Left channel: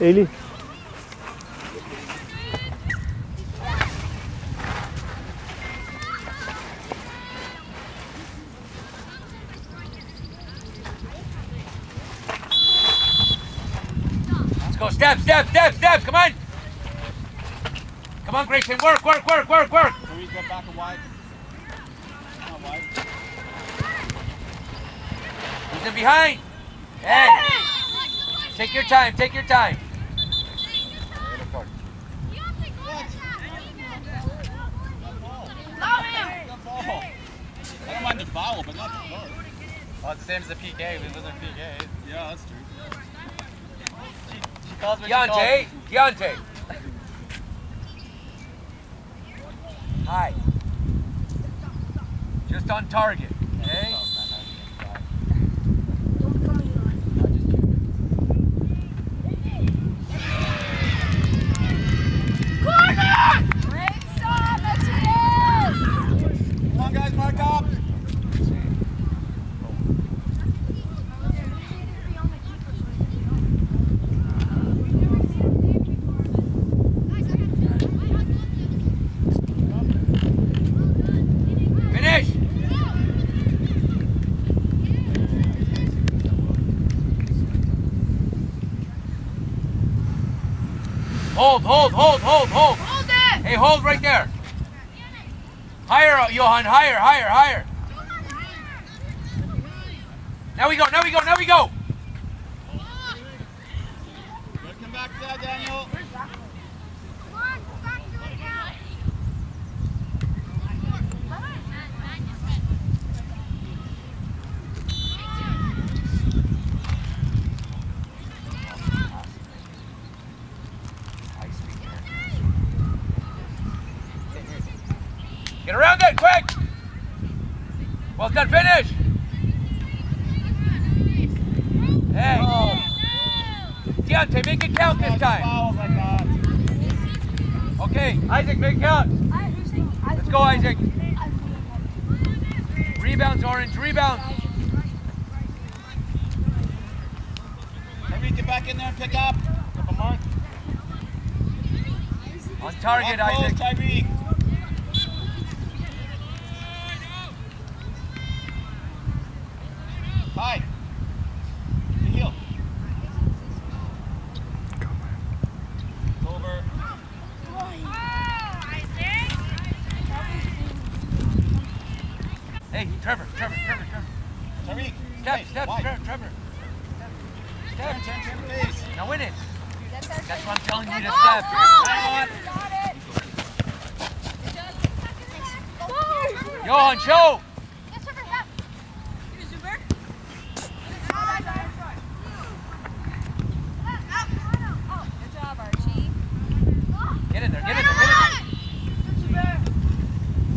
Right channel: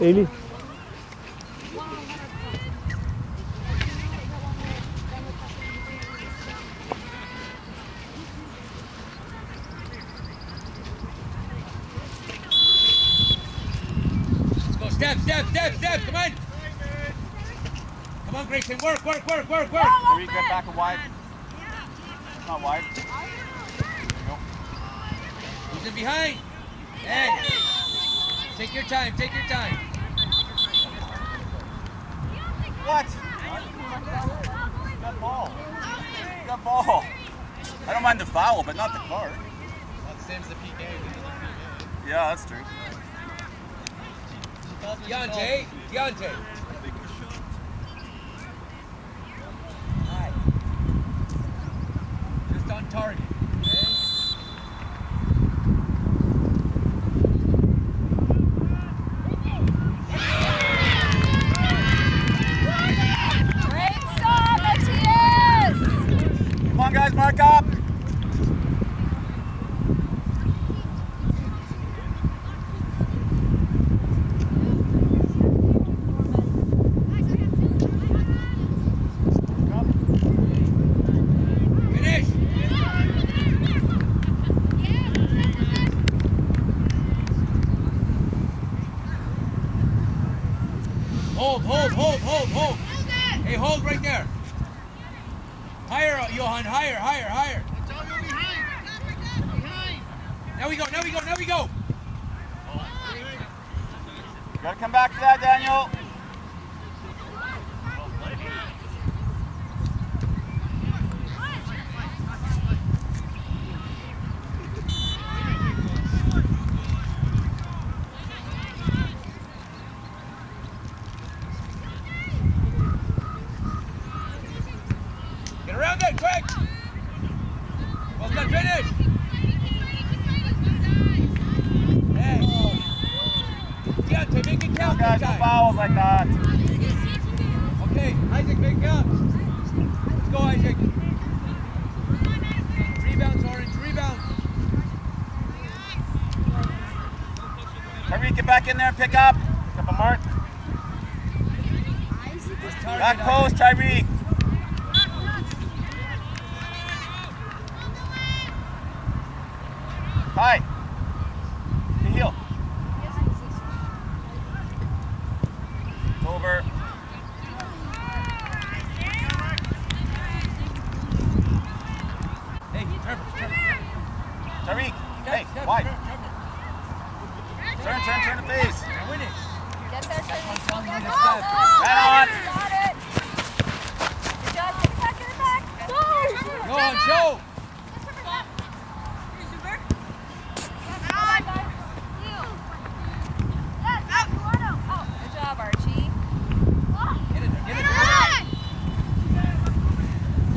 Ailey. Let's go. Step. Come on. Come on, Grayson. Work. Tariq, get back and wide. Not wide. He's in behind. Hey. Take your time. What? Good ball. I don't mind the foul, but not the card. Well, it's the same as the PK. This isn't PK. Yeah, that's true. Deontay. Hi. Just on target. Okay. Great stop, Matthias! Come on, guys, mark up. Finish. Hold. Hold it! Hey, hold right there. Higher, Johan, higher. Now we go. Gotta come back to that, Daniel. Get around that quick. Well done, finish. Hey. Deontay, make it count this Guys, time. fouls like that. Okay, Isaac, make it count. Let's go, Isaac. Rebounds, Orange, rebounds. Tariq, get back in there and pick up. Pick up a mark. On target, Back post, Isaac. Tariq. Hi. The heel. It's over. Hey, Trevor. Tariq. Hey, Step, wide. Trevor. Turn the face. Now win it. Get that That's what I'm telling you to Go, step. go! Right on. Got it! Good job, get back in the back. Go! Johan, show. Get Trevor back. You super? Oh, good job, Archie. Get in there.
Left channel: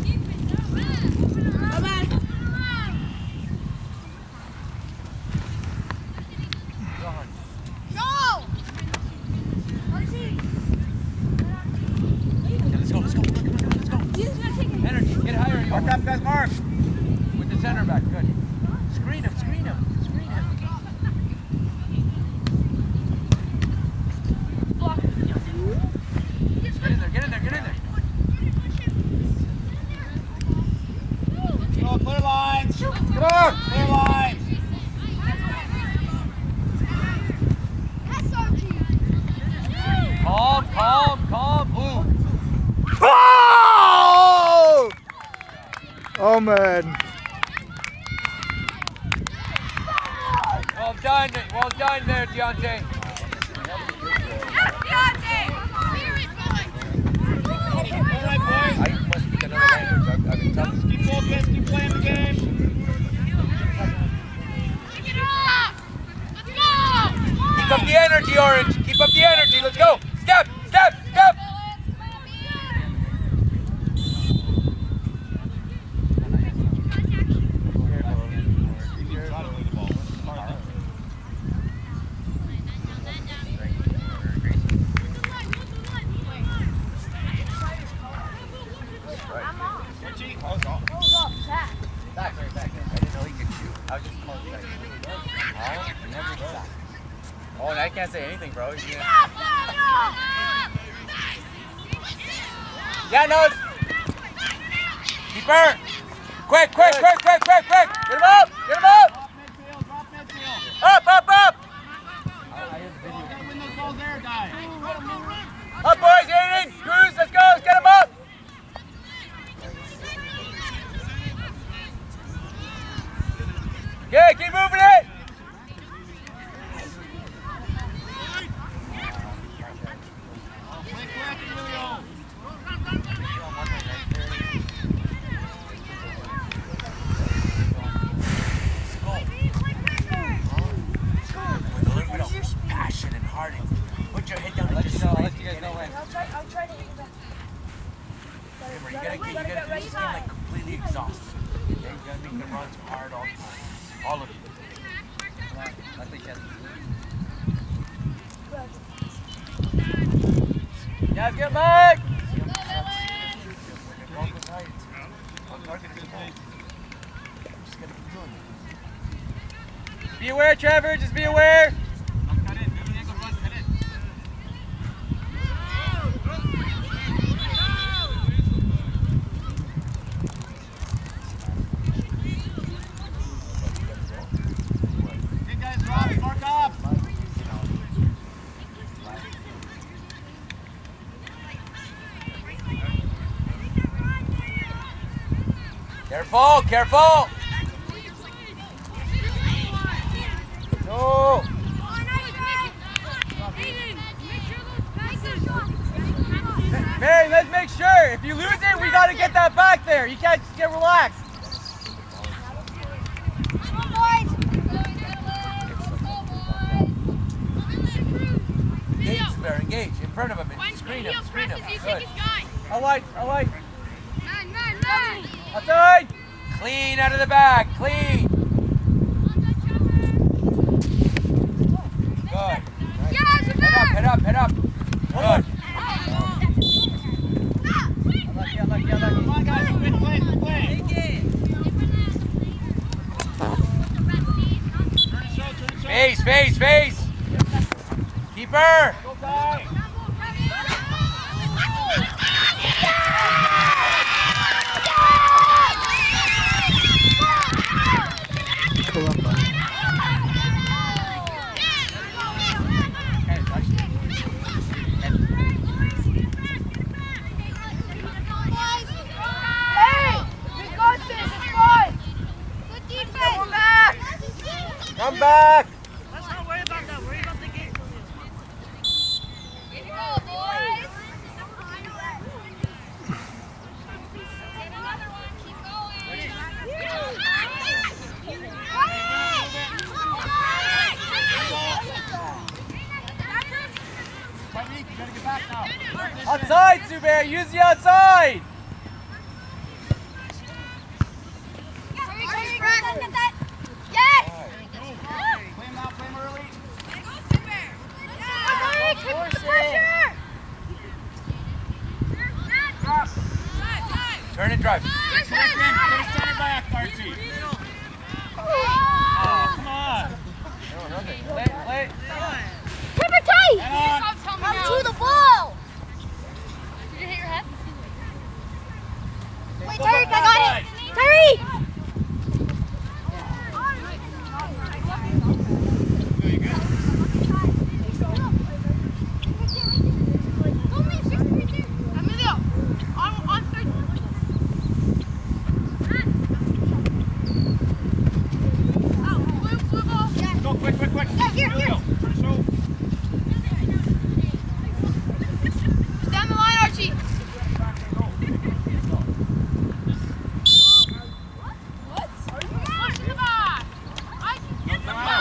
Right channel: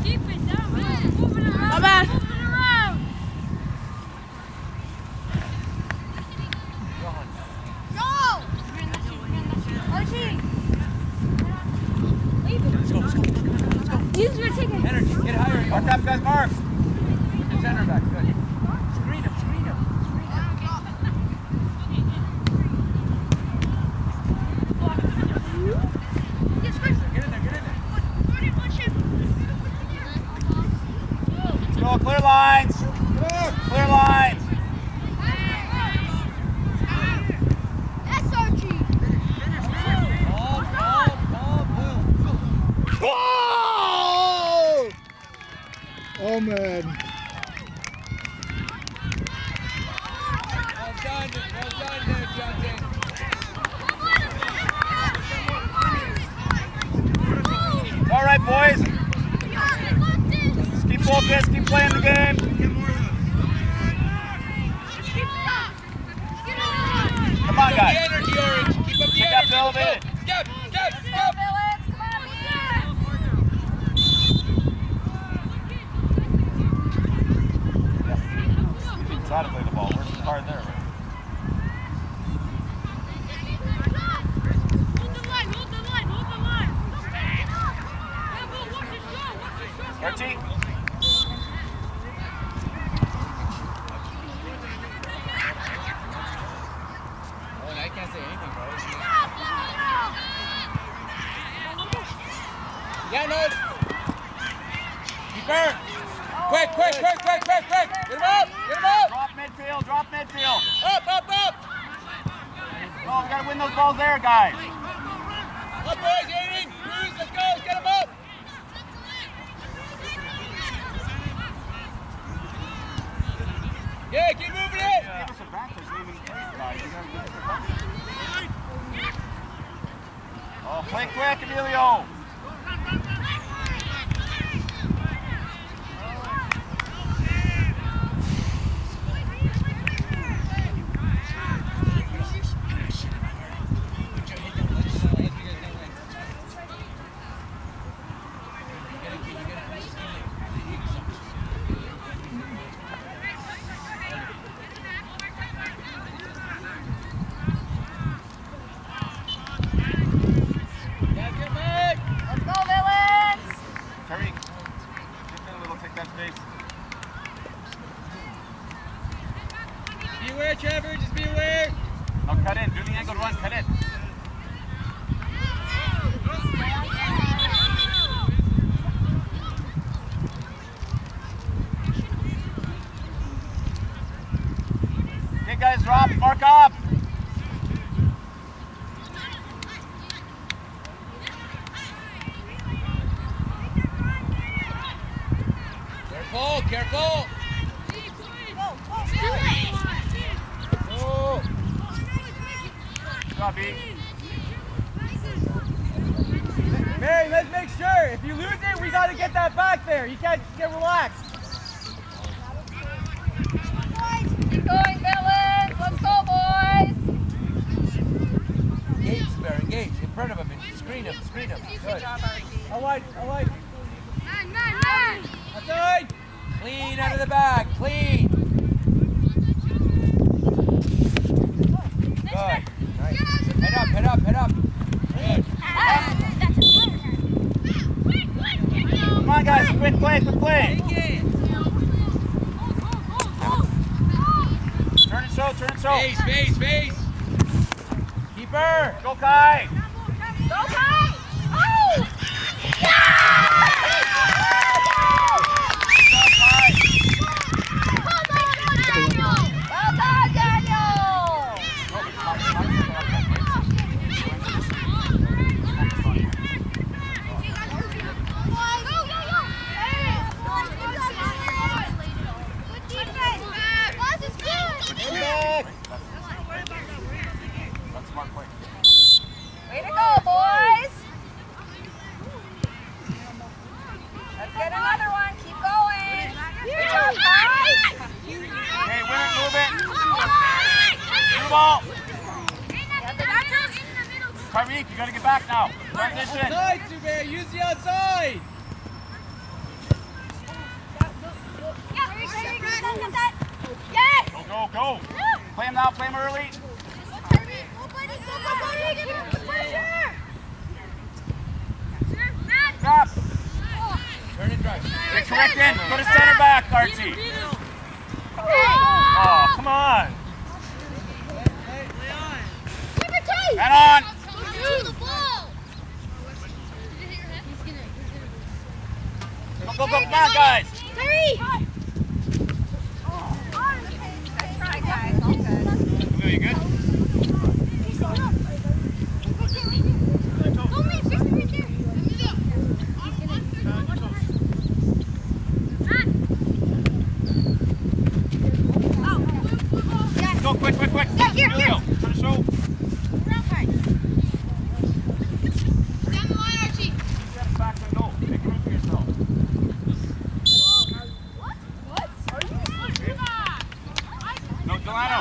Keep it down. Come back. Johan. Go! Archie! Let's go. Come on. Use your ticket. Energy, get higher, Mark Johan. up, guys, mark. With the center back, good. Screen him. Get in there. Let's go, clear lines. Clear lines. That's Archie. Calm, blue. Oh! Oh man. Well done there, Deontay. All right, boys. Just keep focused, keep playing the game. Come on, Keep up guys. the energy, Orange. Keep up the energy. Let's go. Step. Try to play the ball. Where's the card there? Archie. Oh, nice. can't say anything, bro. Yeah, no. Keeper. Quick. Get him up. Drop midfield, drop midfield. Up. Oh, gotta win those balls there, guys. Up, boys, Aiden. Cruz, let's go. Let's get him up. Yeah, keep moving it. Oh, play quick, Emilio. Guys, get back. Let's go, Villains! Be aware, Trevor. Just be aware. No, cut in. Do the angled one. Cut in. Okay, guys, drop. Mark up. Careful. Go. Drop, B. Mary, let's make sure. If you lose it, we got to get that back there. You can't just get relaxed. Come on, boys! Keep going, Villains! Let's go, boys! Engage. In front of him. Screen him. Good. I like. Man! That's all right. Clean out of the back. Clean. Good. Nice. Head up. Good. Come on, guys. Quick play. Turn and show. Face. Keeper. Go, Kai. Come back. Way to go, boys! Let's get another one. Keep going. Good job, guys. Move it. Ball. Tyreek, you gotta get back now. Outside, Zubair. Use the outside. Yes! Go. Play him now, play him early. Drop. Turn and drive. Get to in. Go to center back, Archie. Oh, come on. Late. Head on. To the ball! Go, guys. Terry! Emilio, you good? Go, quick. Here. Emilio, try to show. Down the line, Archie. Back and go. Make room for yourself. What? No, Delano.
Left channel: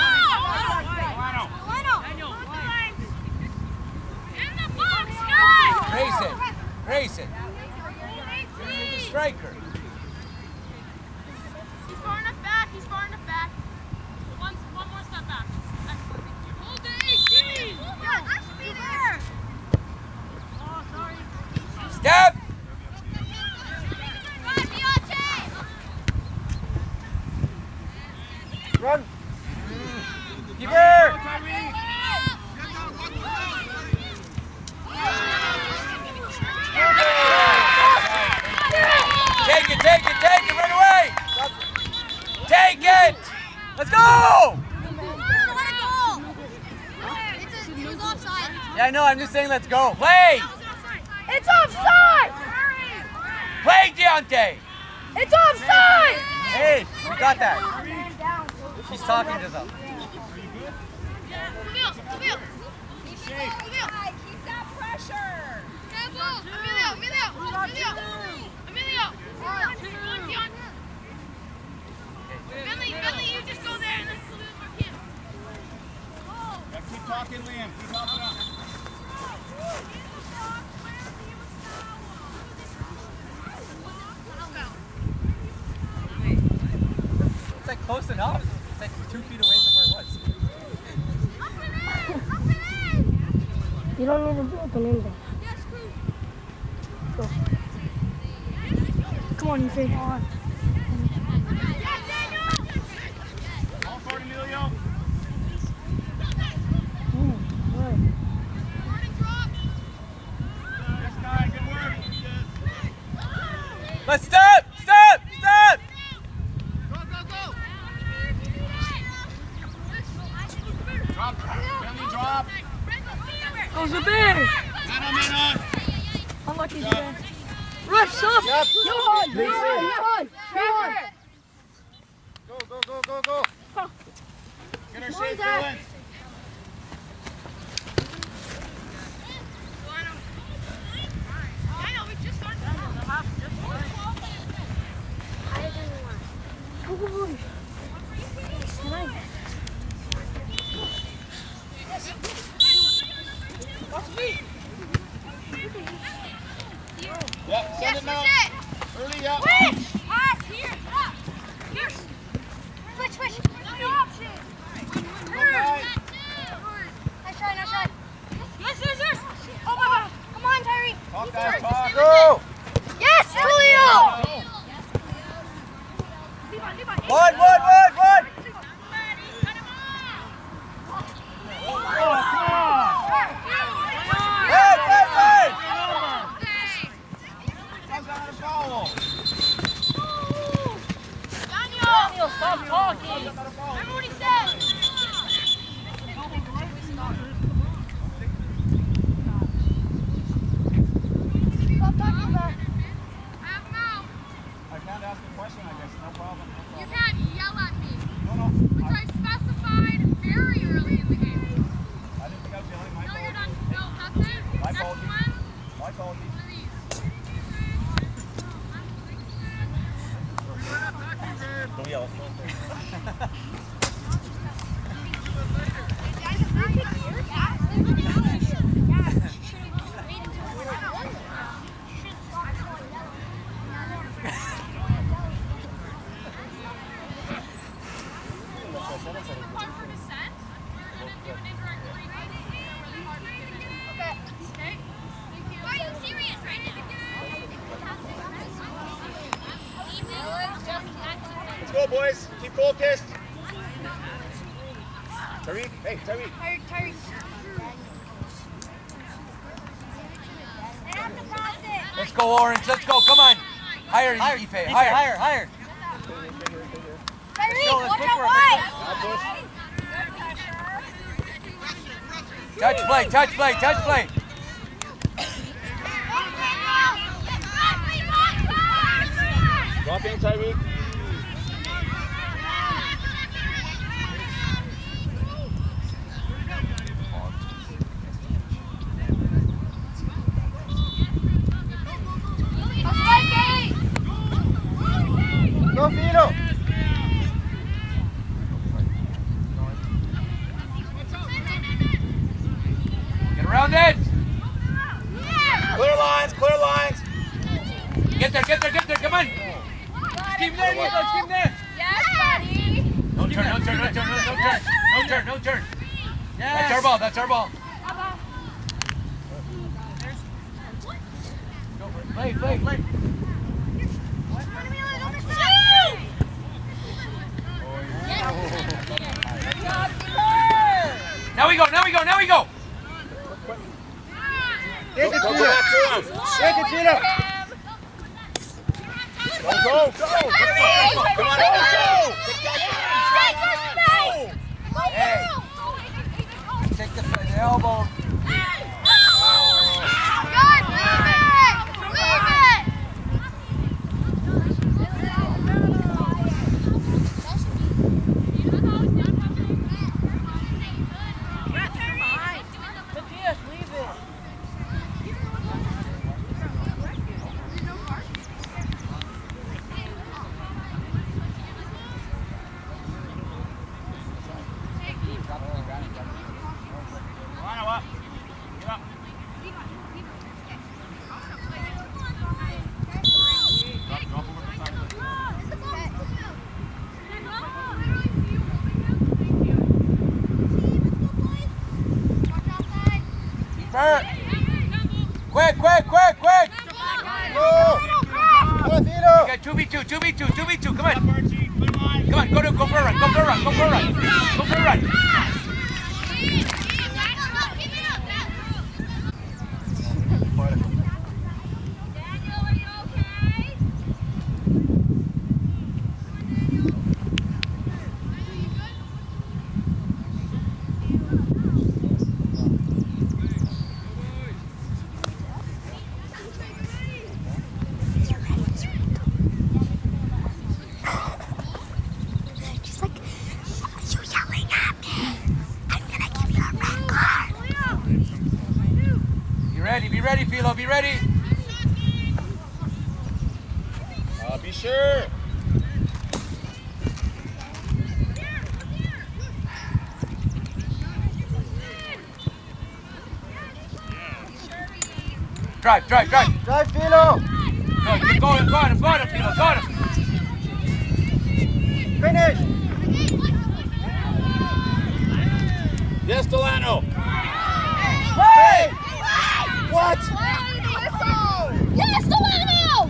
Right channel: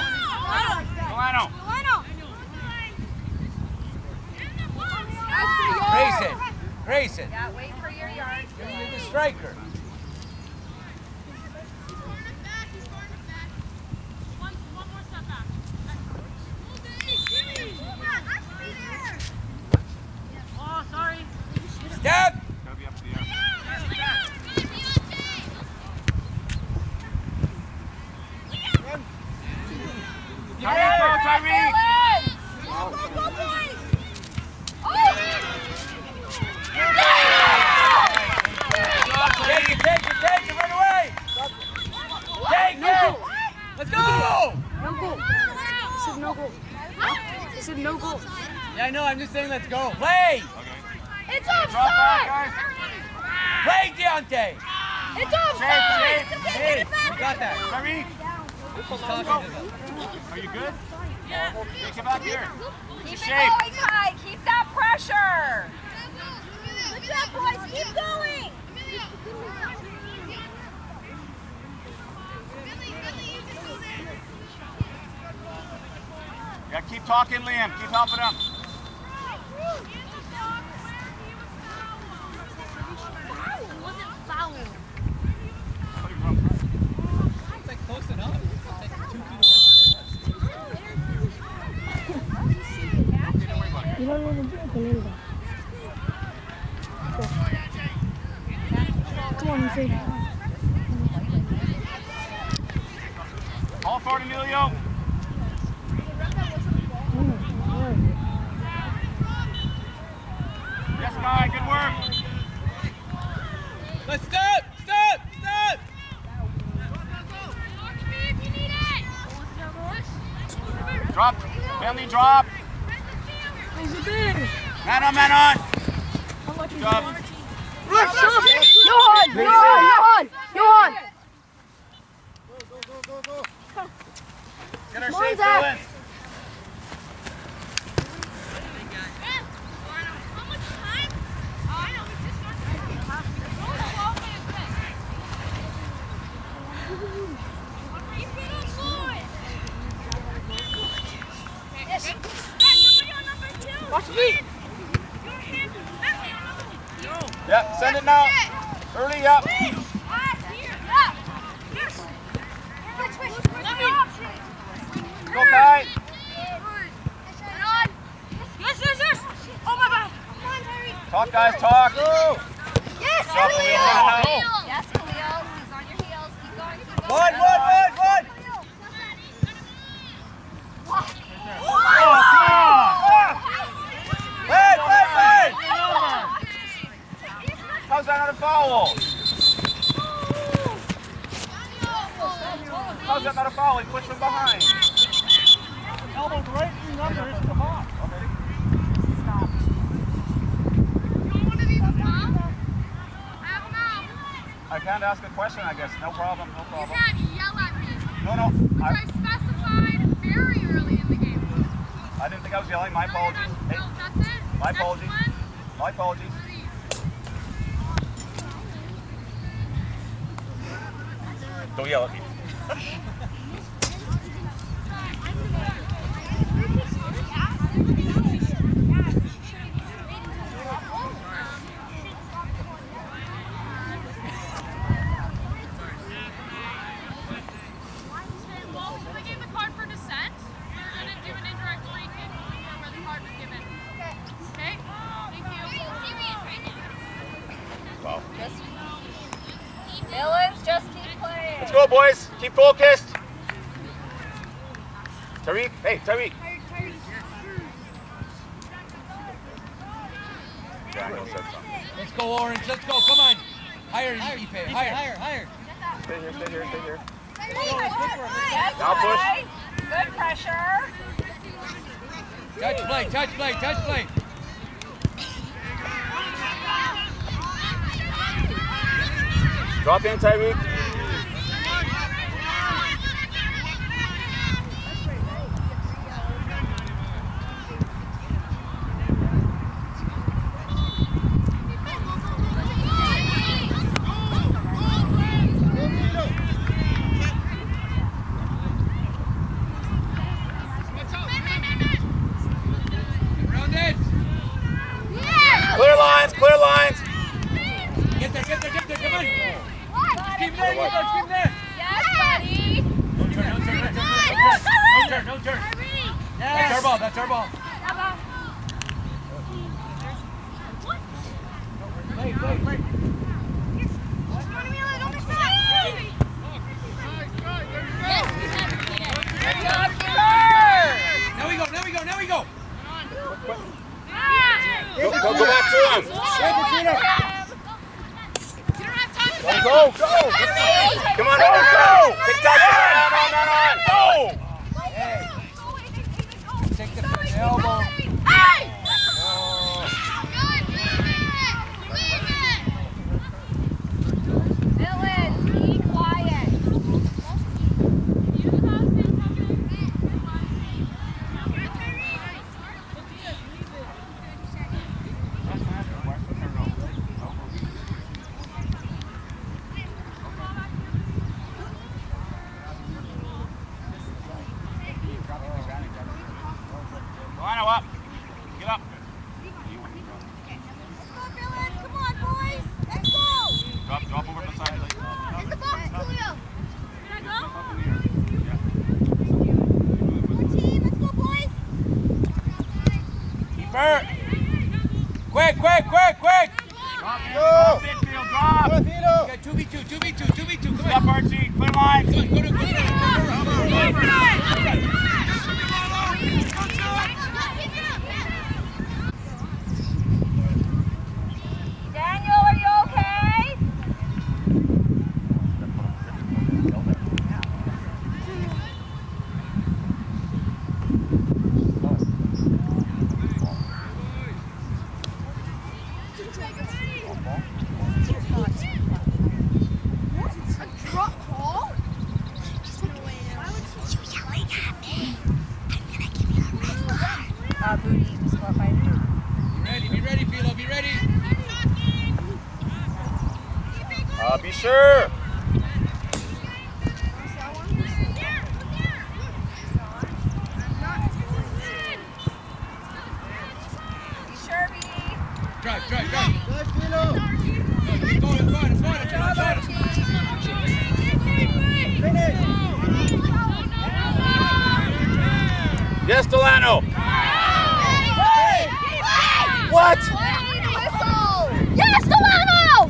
Take it, run away! Take it! Let's go! Yeah, I know, I'm just saying let's go. Play! It's offside! Play, Deontay! It's offside! Hey, you got that. She's talking to them. Are you good? Yeah. Think about here. Keep Shape. Keep that pressure! Keep going! Yeah, keep talking, Liam. Keep helping him. It's like close enough. It's like 2 feet away from where it was. You don't know the Belinda. Come on, you say. All for it, Emilio. Yes, guy. Good work. Let's stop! Stop! Stop! Drop. Belly drop. Goes the bear. Man on. Unlucky. Good job. Rush up. Yep. Johan. Go. Get her safe going. Yep, send it now. Early up. Go, Kai. Yes! Oh my God! Come on, Tyree! Talk, guys, talk. Go. Yes, Julio! Yes, Julio! He's on your heels. Keep going. One! Oh, come on. Play! How's that not a foul? Daniel! How's that not a foul? He's going from behind. Elbow's right in under. It's the ball. I can't ask a question, I guess. No problem. You can't yell at me, No. which I specified very early in the game. I didn't think I was yelling. My No, you're fault. not. Hey, No, that's it. my Next apologies. one, My apologies. one of these. Don't yell at me. Well, when we gave the card for dissent, we're going to do an indirect free kick where the card was given. Okay? Thank you. Dylan's just keep playing. Let's go, boys. Keep focused. Tariq. Hey, Tariq. Let's go, Orange. Let's go. Come on. Higher, Ife. Higher. Stay here. Tyree, go, let's one push more for it, play. Now push. Good pressure. Touch play. Drop in, Tariq. Go, Vito. Get around it. Clear lines. Get there. Come on. Keep there. Yes, buddy. No turn. Yes. That's our ball. Play. Now we go. Go back to him. Good, Vito. Go, go! Come on, go! Good touch! On! Hey. Take the elbow. Rhino up. Get up. Drop over beside you. Bert. Quick. Go! Drop. Go, Vito! You got 2v2. Come Up, on. Archie. Clear line. Come on, go for a run. Daniel, are you okay? Be ready, Philo, be ready. Be sure. Drive. Drive, Vito! No, you're going, Philo, got him. Finish! Yes, Delano. Hey! What? Yes, Delano!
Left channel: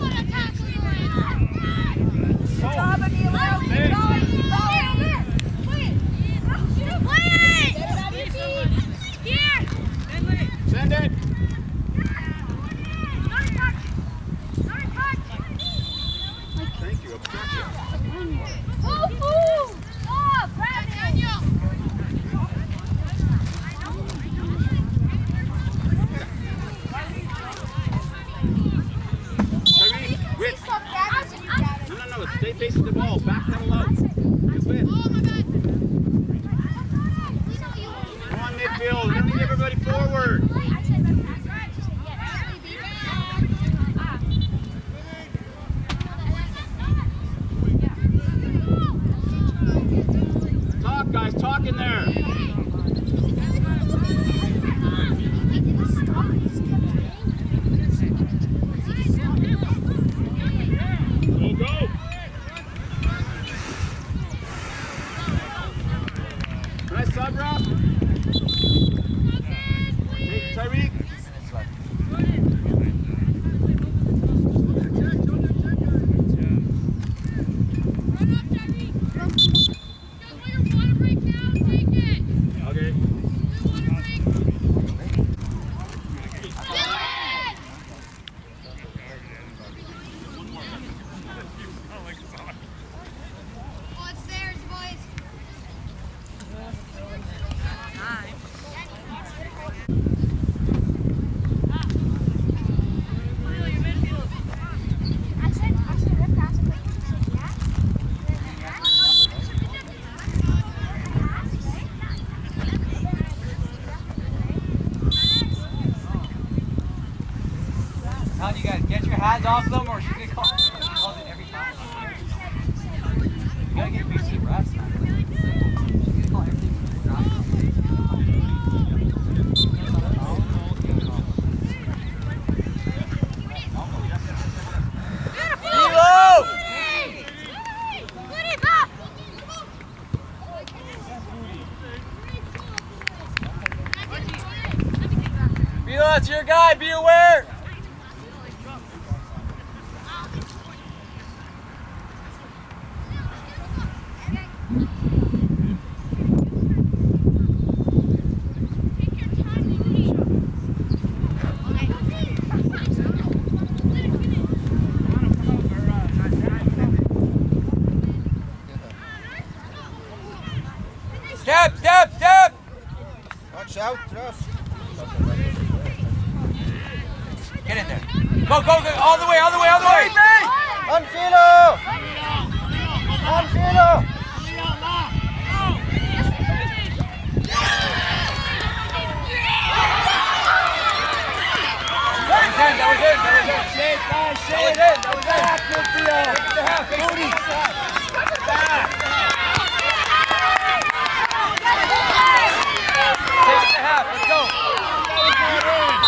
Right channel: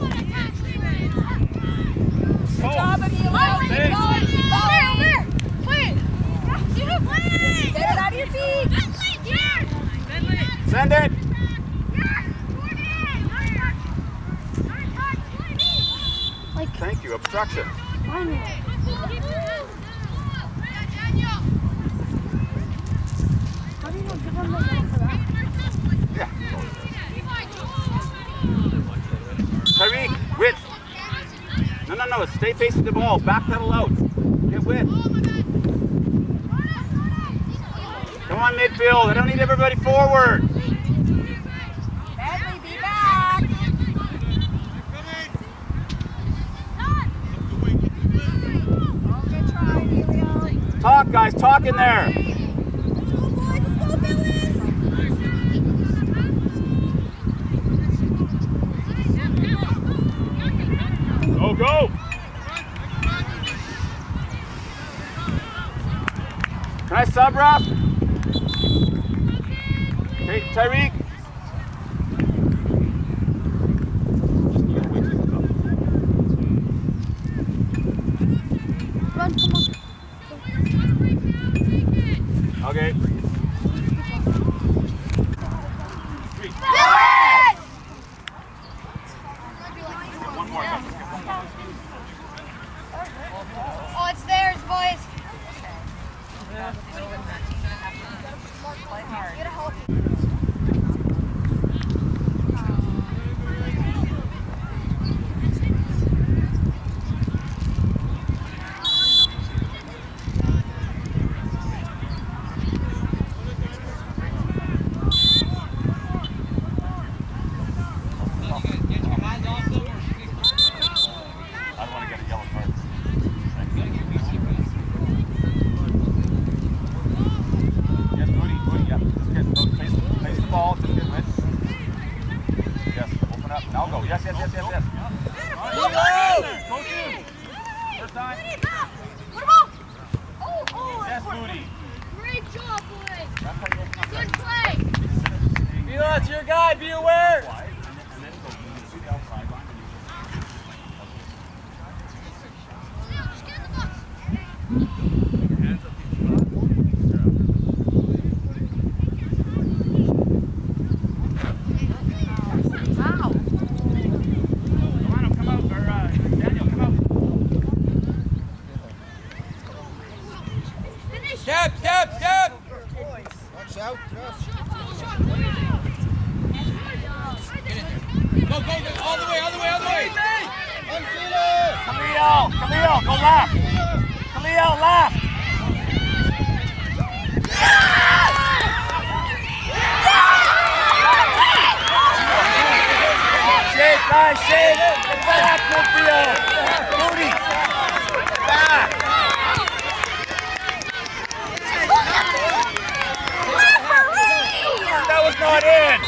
Good job, Emilio. Keep going. Get it on your feet. Send it. Thank you. Obstruction. Tariq, width. No. Stay facing the ball. Back pedal out. Get width. Come on, midfield. I don't need everybody forward. Talk, guys. Talk in there. Go. Can I sub, Rob? Take Tyreek. Okay. Oh, it's theirs, boys. Now you gotta get your hands off them or she gets caught. That's your guy, be aware! Come on, come out, or, out, Josh. Get in there. Go, go, go. All the way, all the way, all the way. On Philo! Khalil, go left. Philo! Khalil, left. Shake, guys, shake. Back, midfield. Moody. Back. That was not in.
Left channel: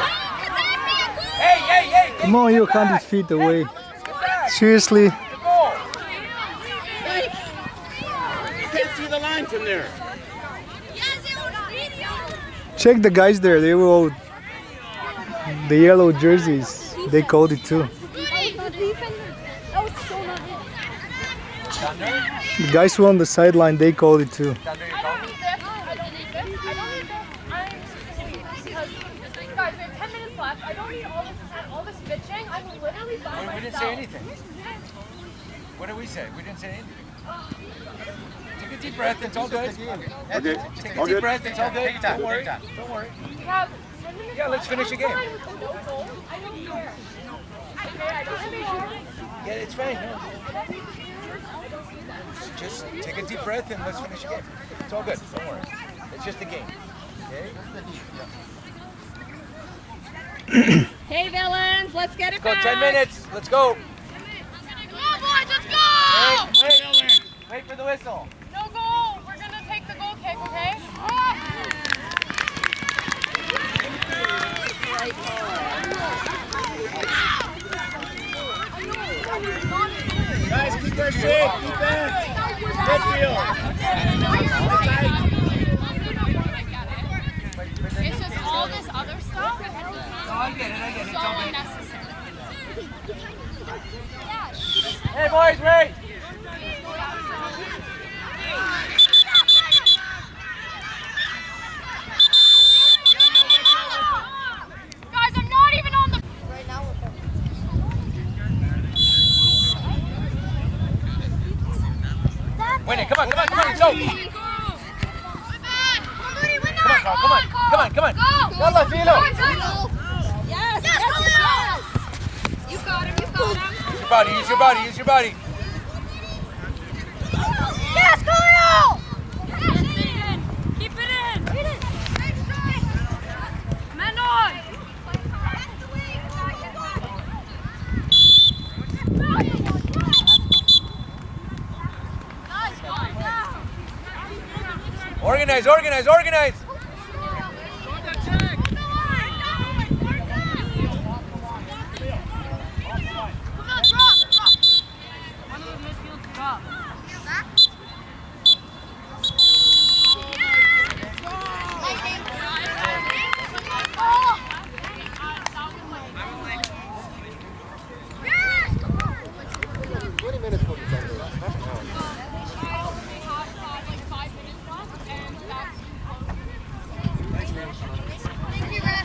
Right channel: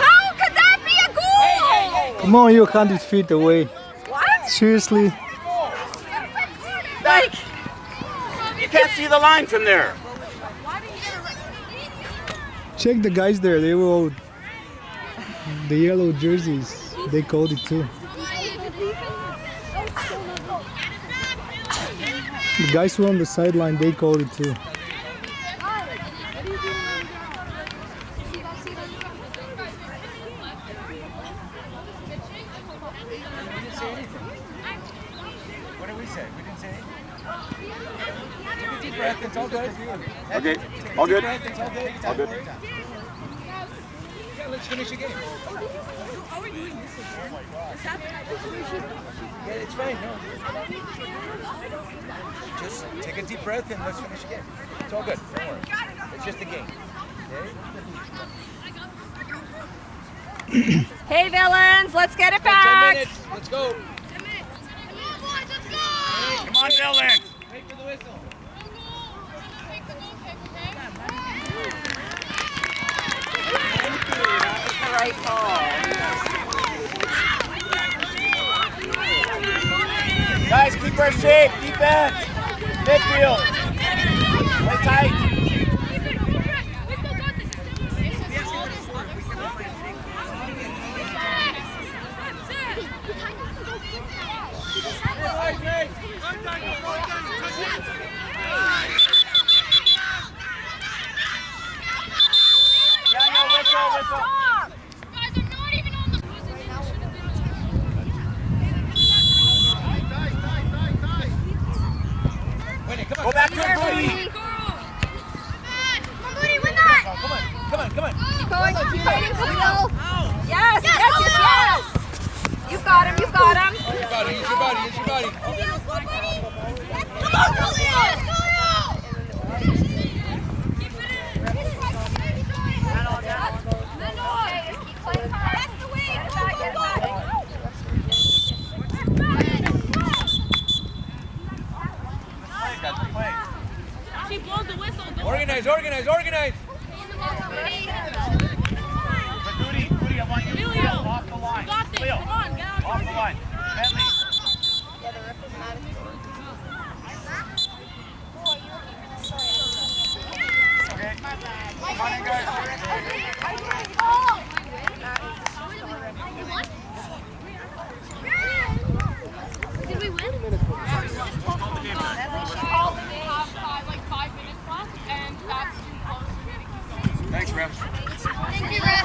How could that be a goal? Come on, you're 100 feet away. Seriously. Like, You can't see the line from there. Check the guys there. They were all the yellow jerseys. They called it too. The guys who were on the sideline, they called it too. We didn't say anything. What did we say? We didn't say anything. Take a deep breath. It's all good. Okay. Take a All deep good. breath. It's all good. Don't worry. Don't worry. Yeah, let's finish the game. Yeah, it's fine. No. Just take a deep breath and let's finish the game. It's all good. Don't worry. It's just a game. Okay? hey, villains, let's get it Go, back. 10 minutes. Let's go. 10 minutes. Come on, boys, let's go! Come on, Dylan. Wait for the whistle. No goal. We're going to take the goal kick, okay? Right ball. Guys, keep her safe. Defense. Midfield. Hold tight. It's just all this other stuff. It's all unnecessary. Hey, boys, wait. Guys, I'm not even on the... Win it. Come on, come on, come on. Go. Come on, come on, come on. Yalla, Philo. Yes, yes, yes, yes. You got him, you got him. Use your body, use your body, use your body. Yes, Khalil. Organize, organize, organize. Moody, I want you to steal off the line. Steal. Off the line. Thanks, Rams. Thank you, Ref.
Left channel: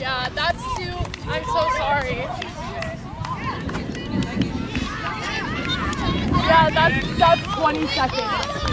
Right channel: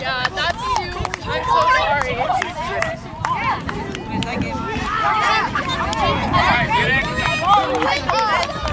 Yeah, that's too... I'm so sorry. That's 20 seconds.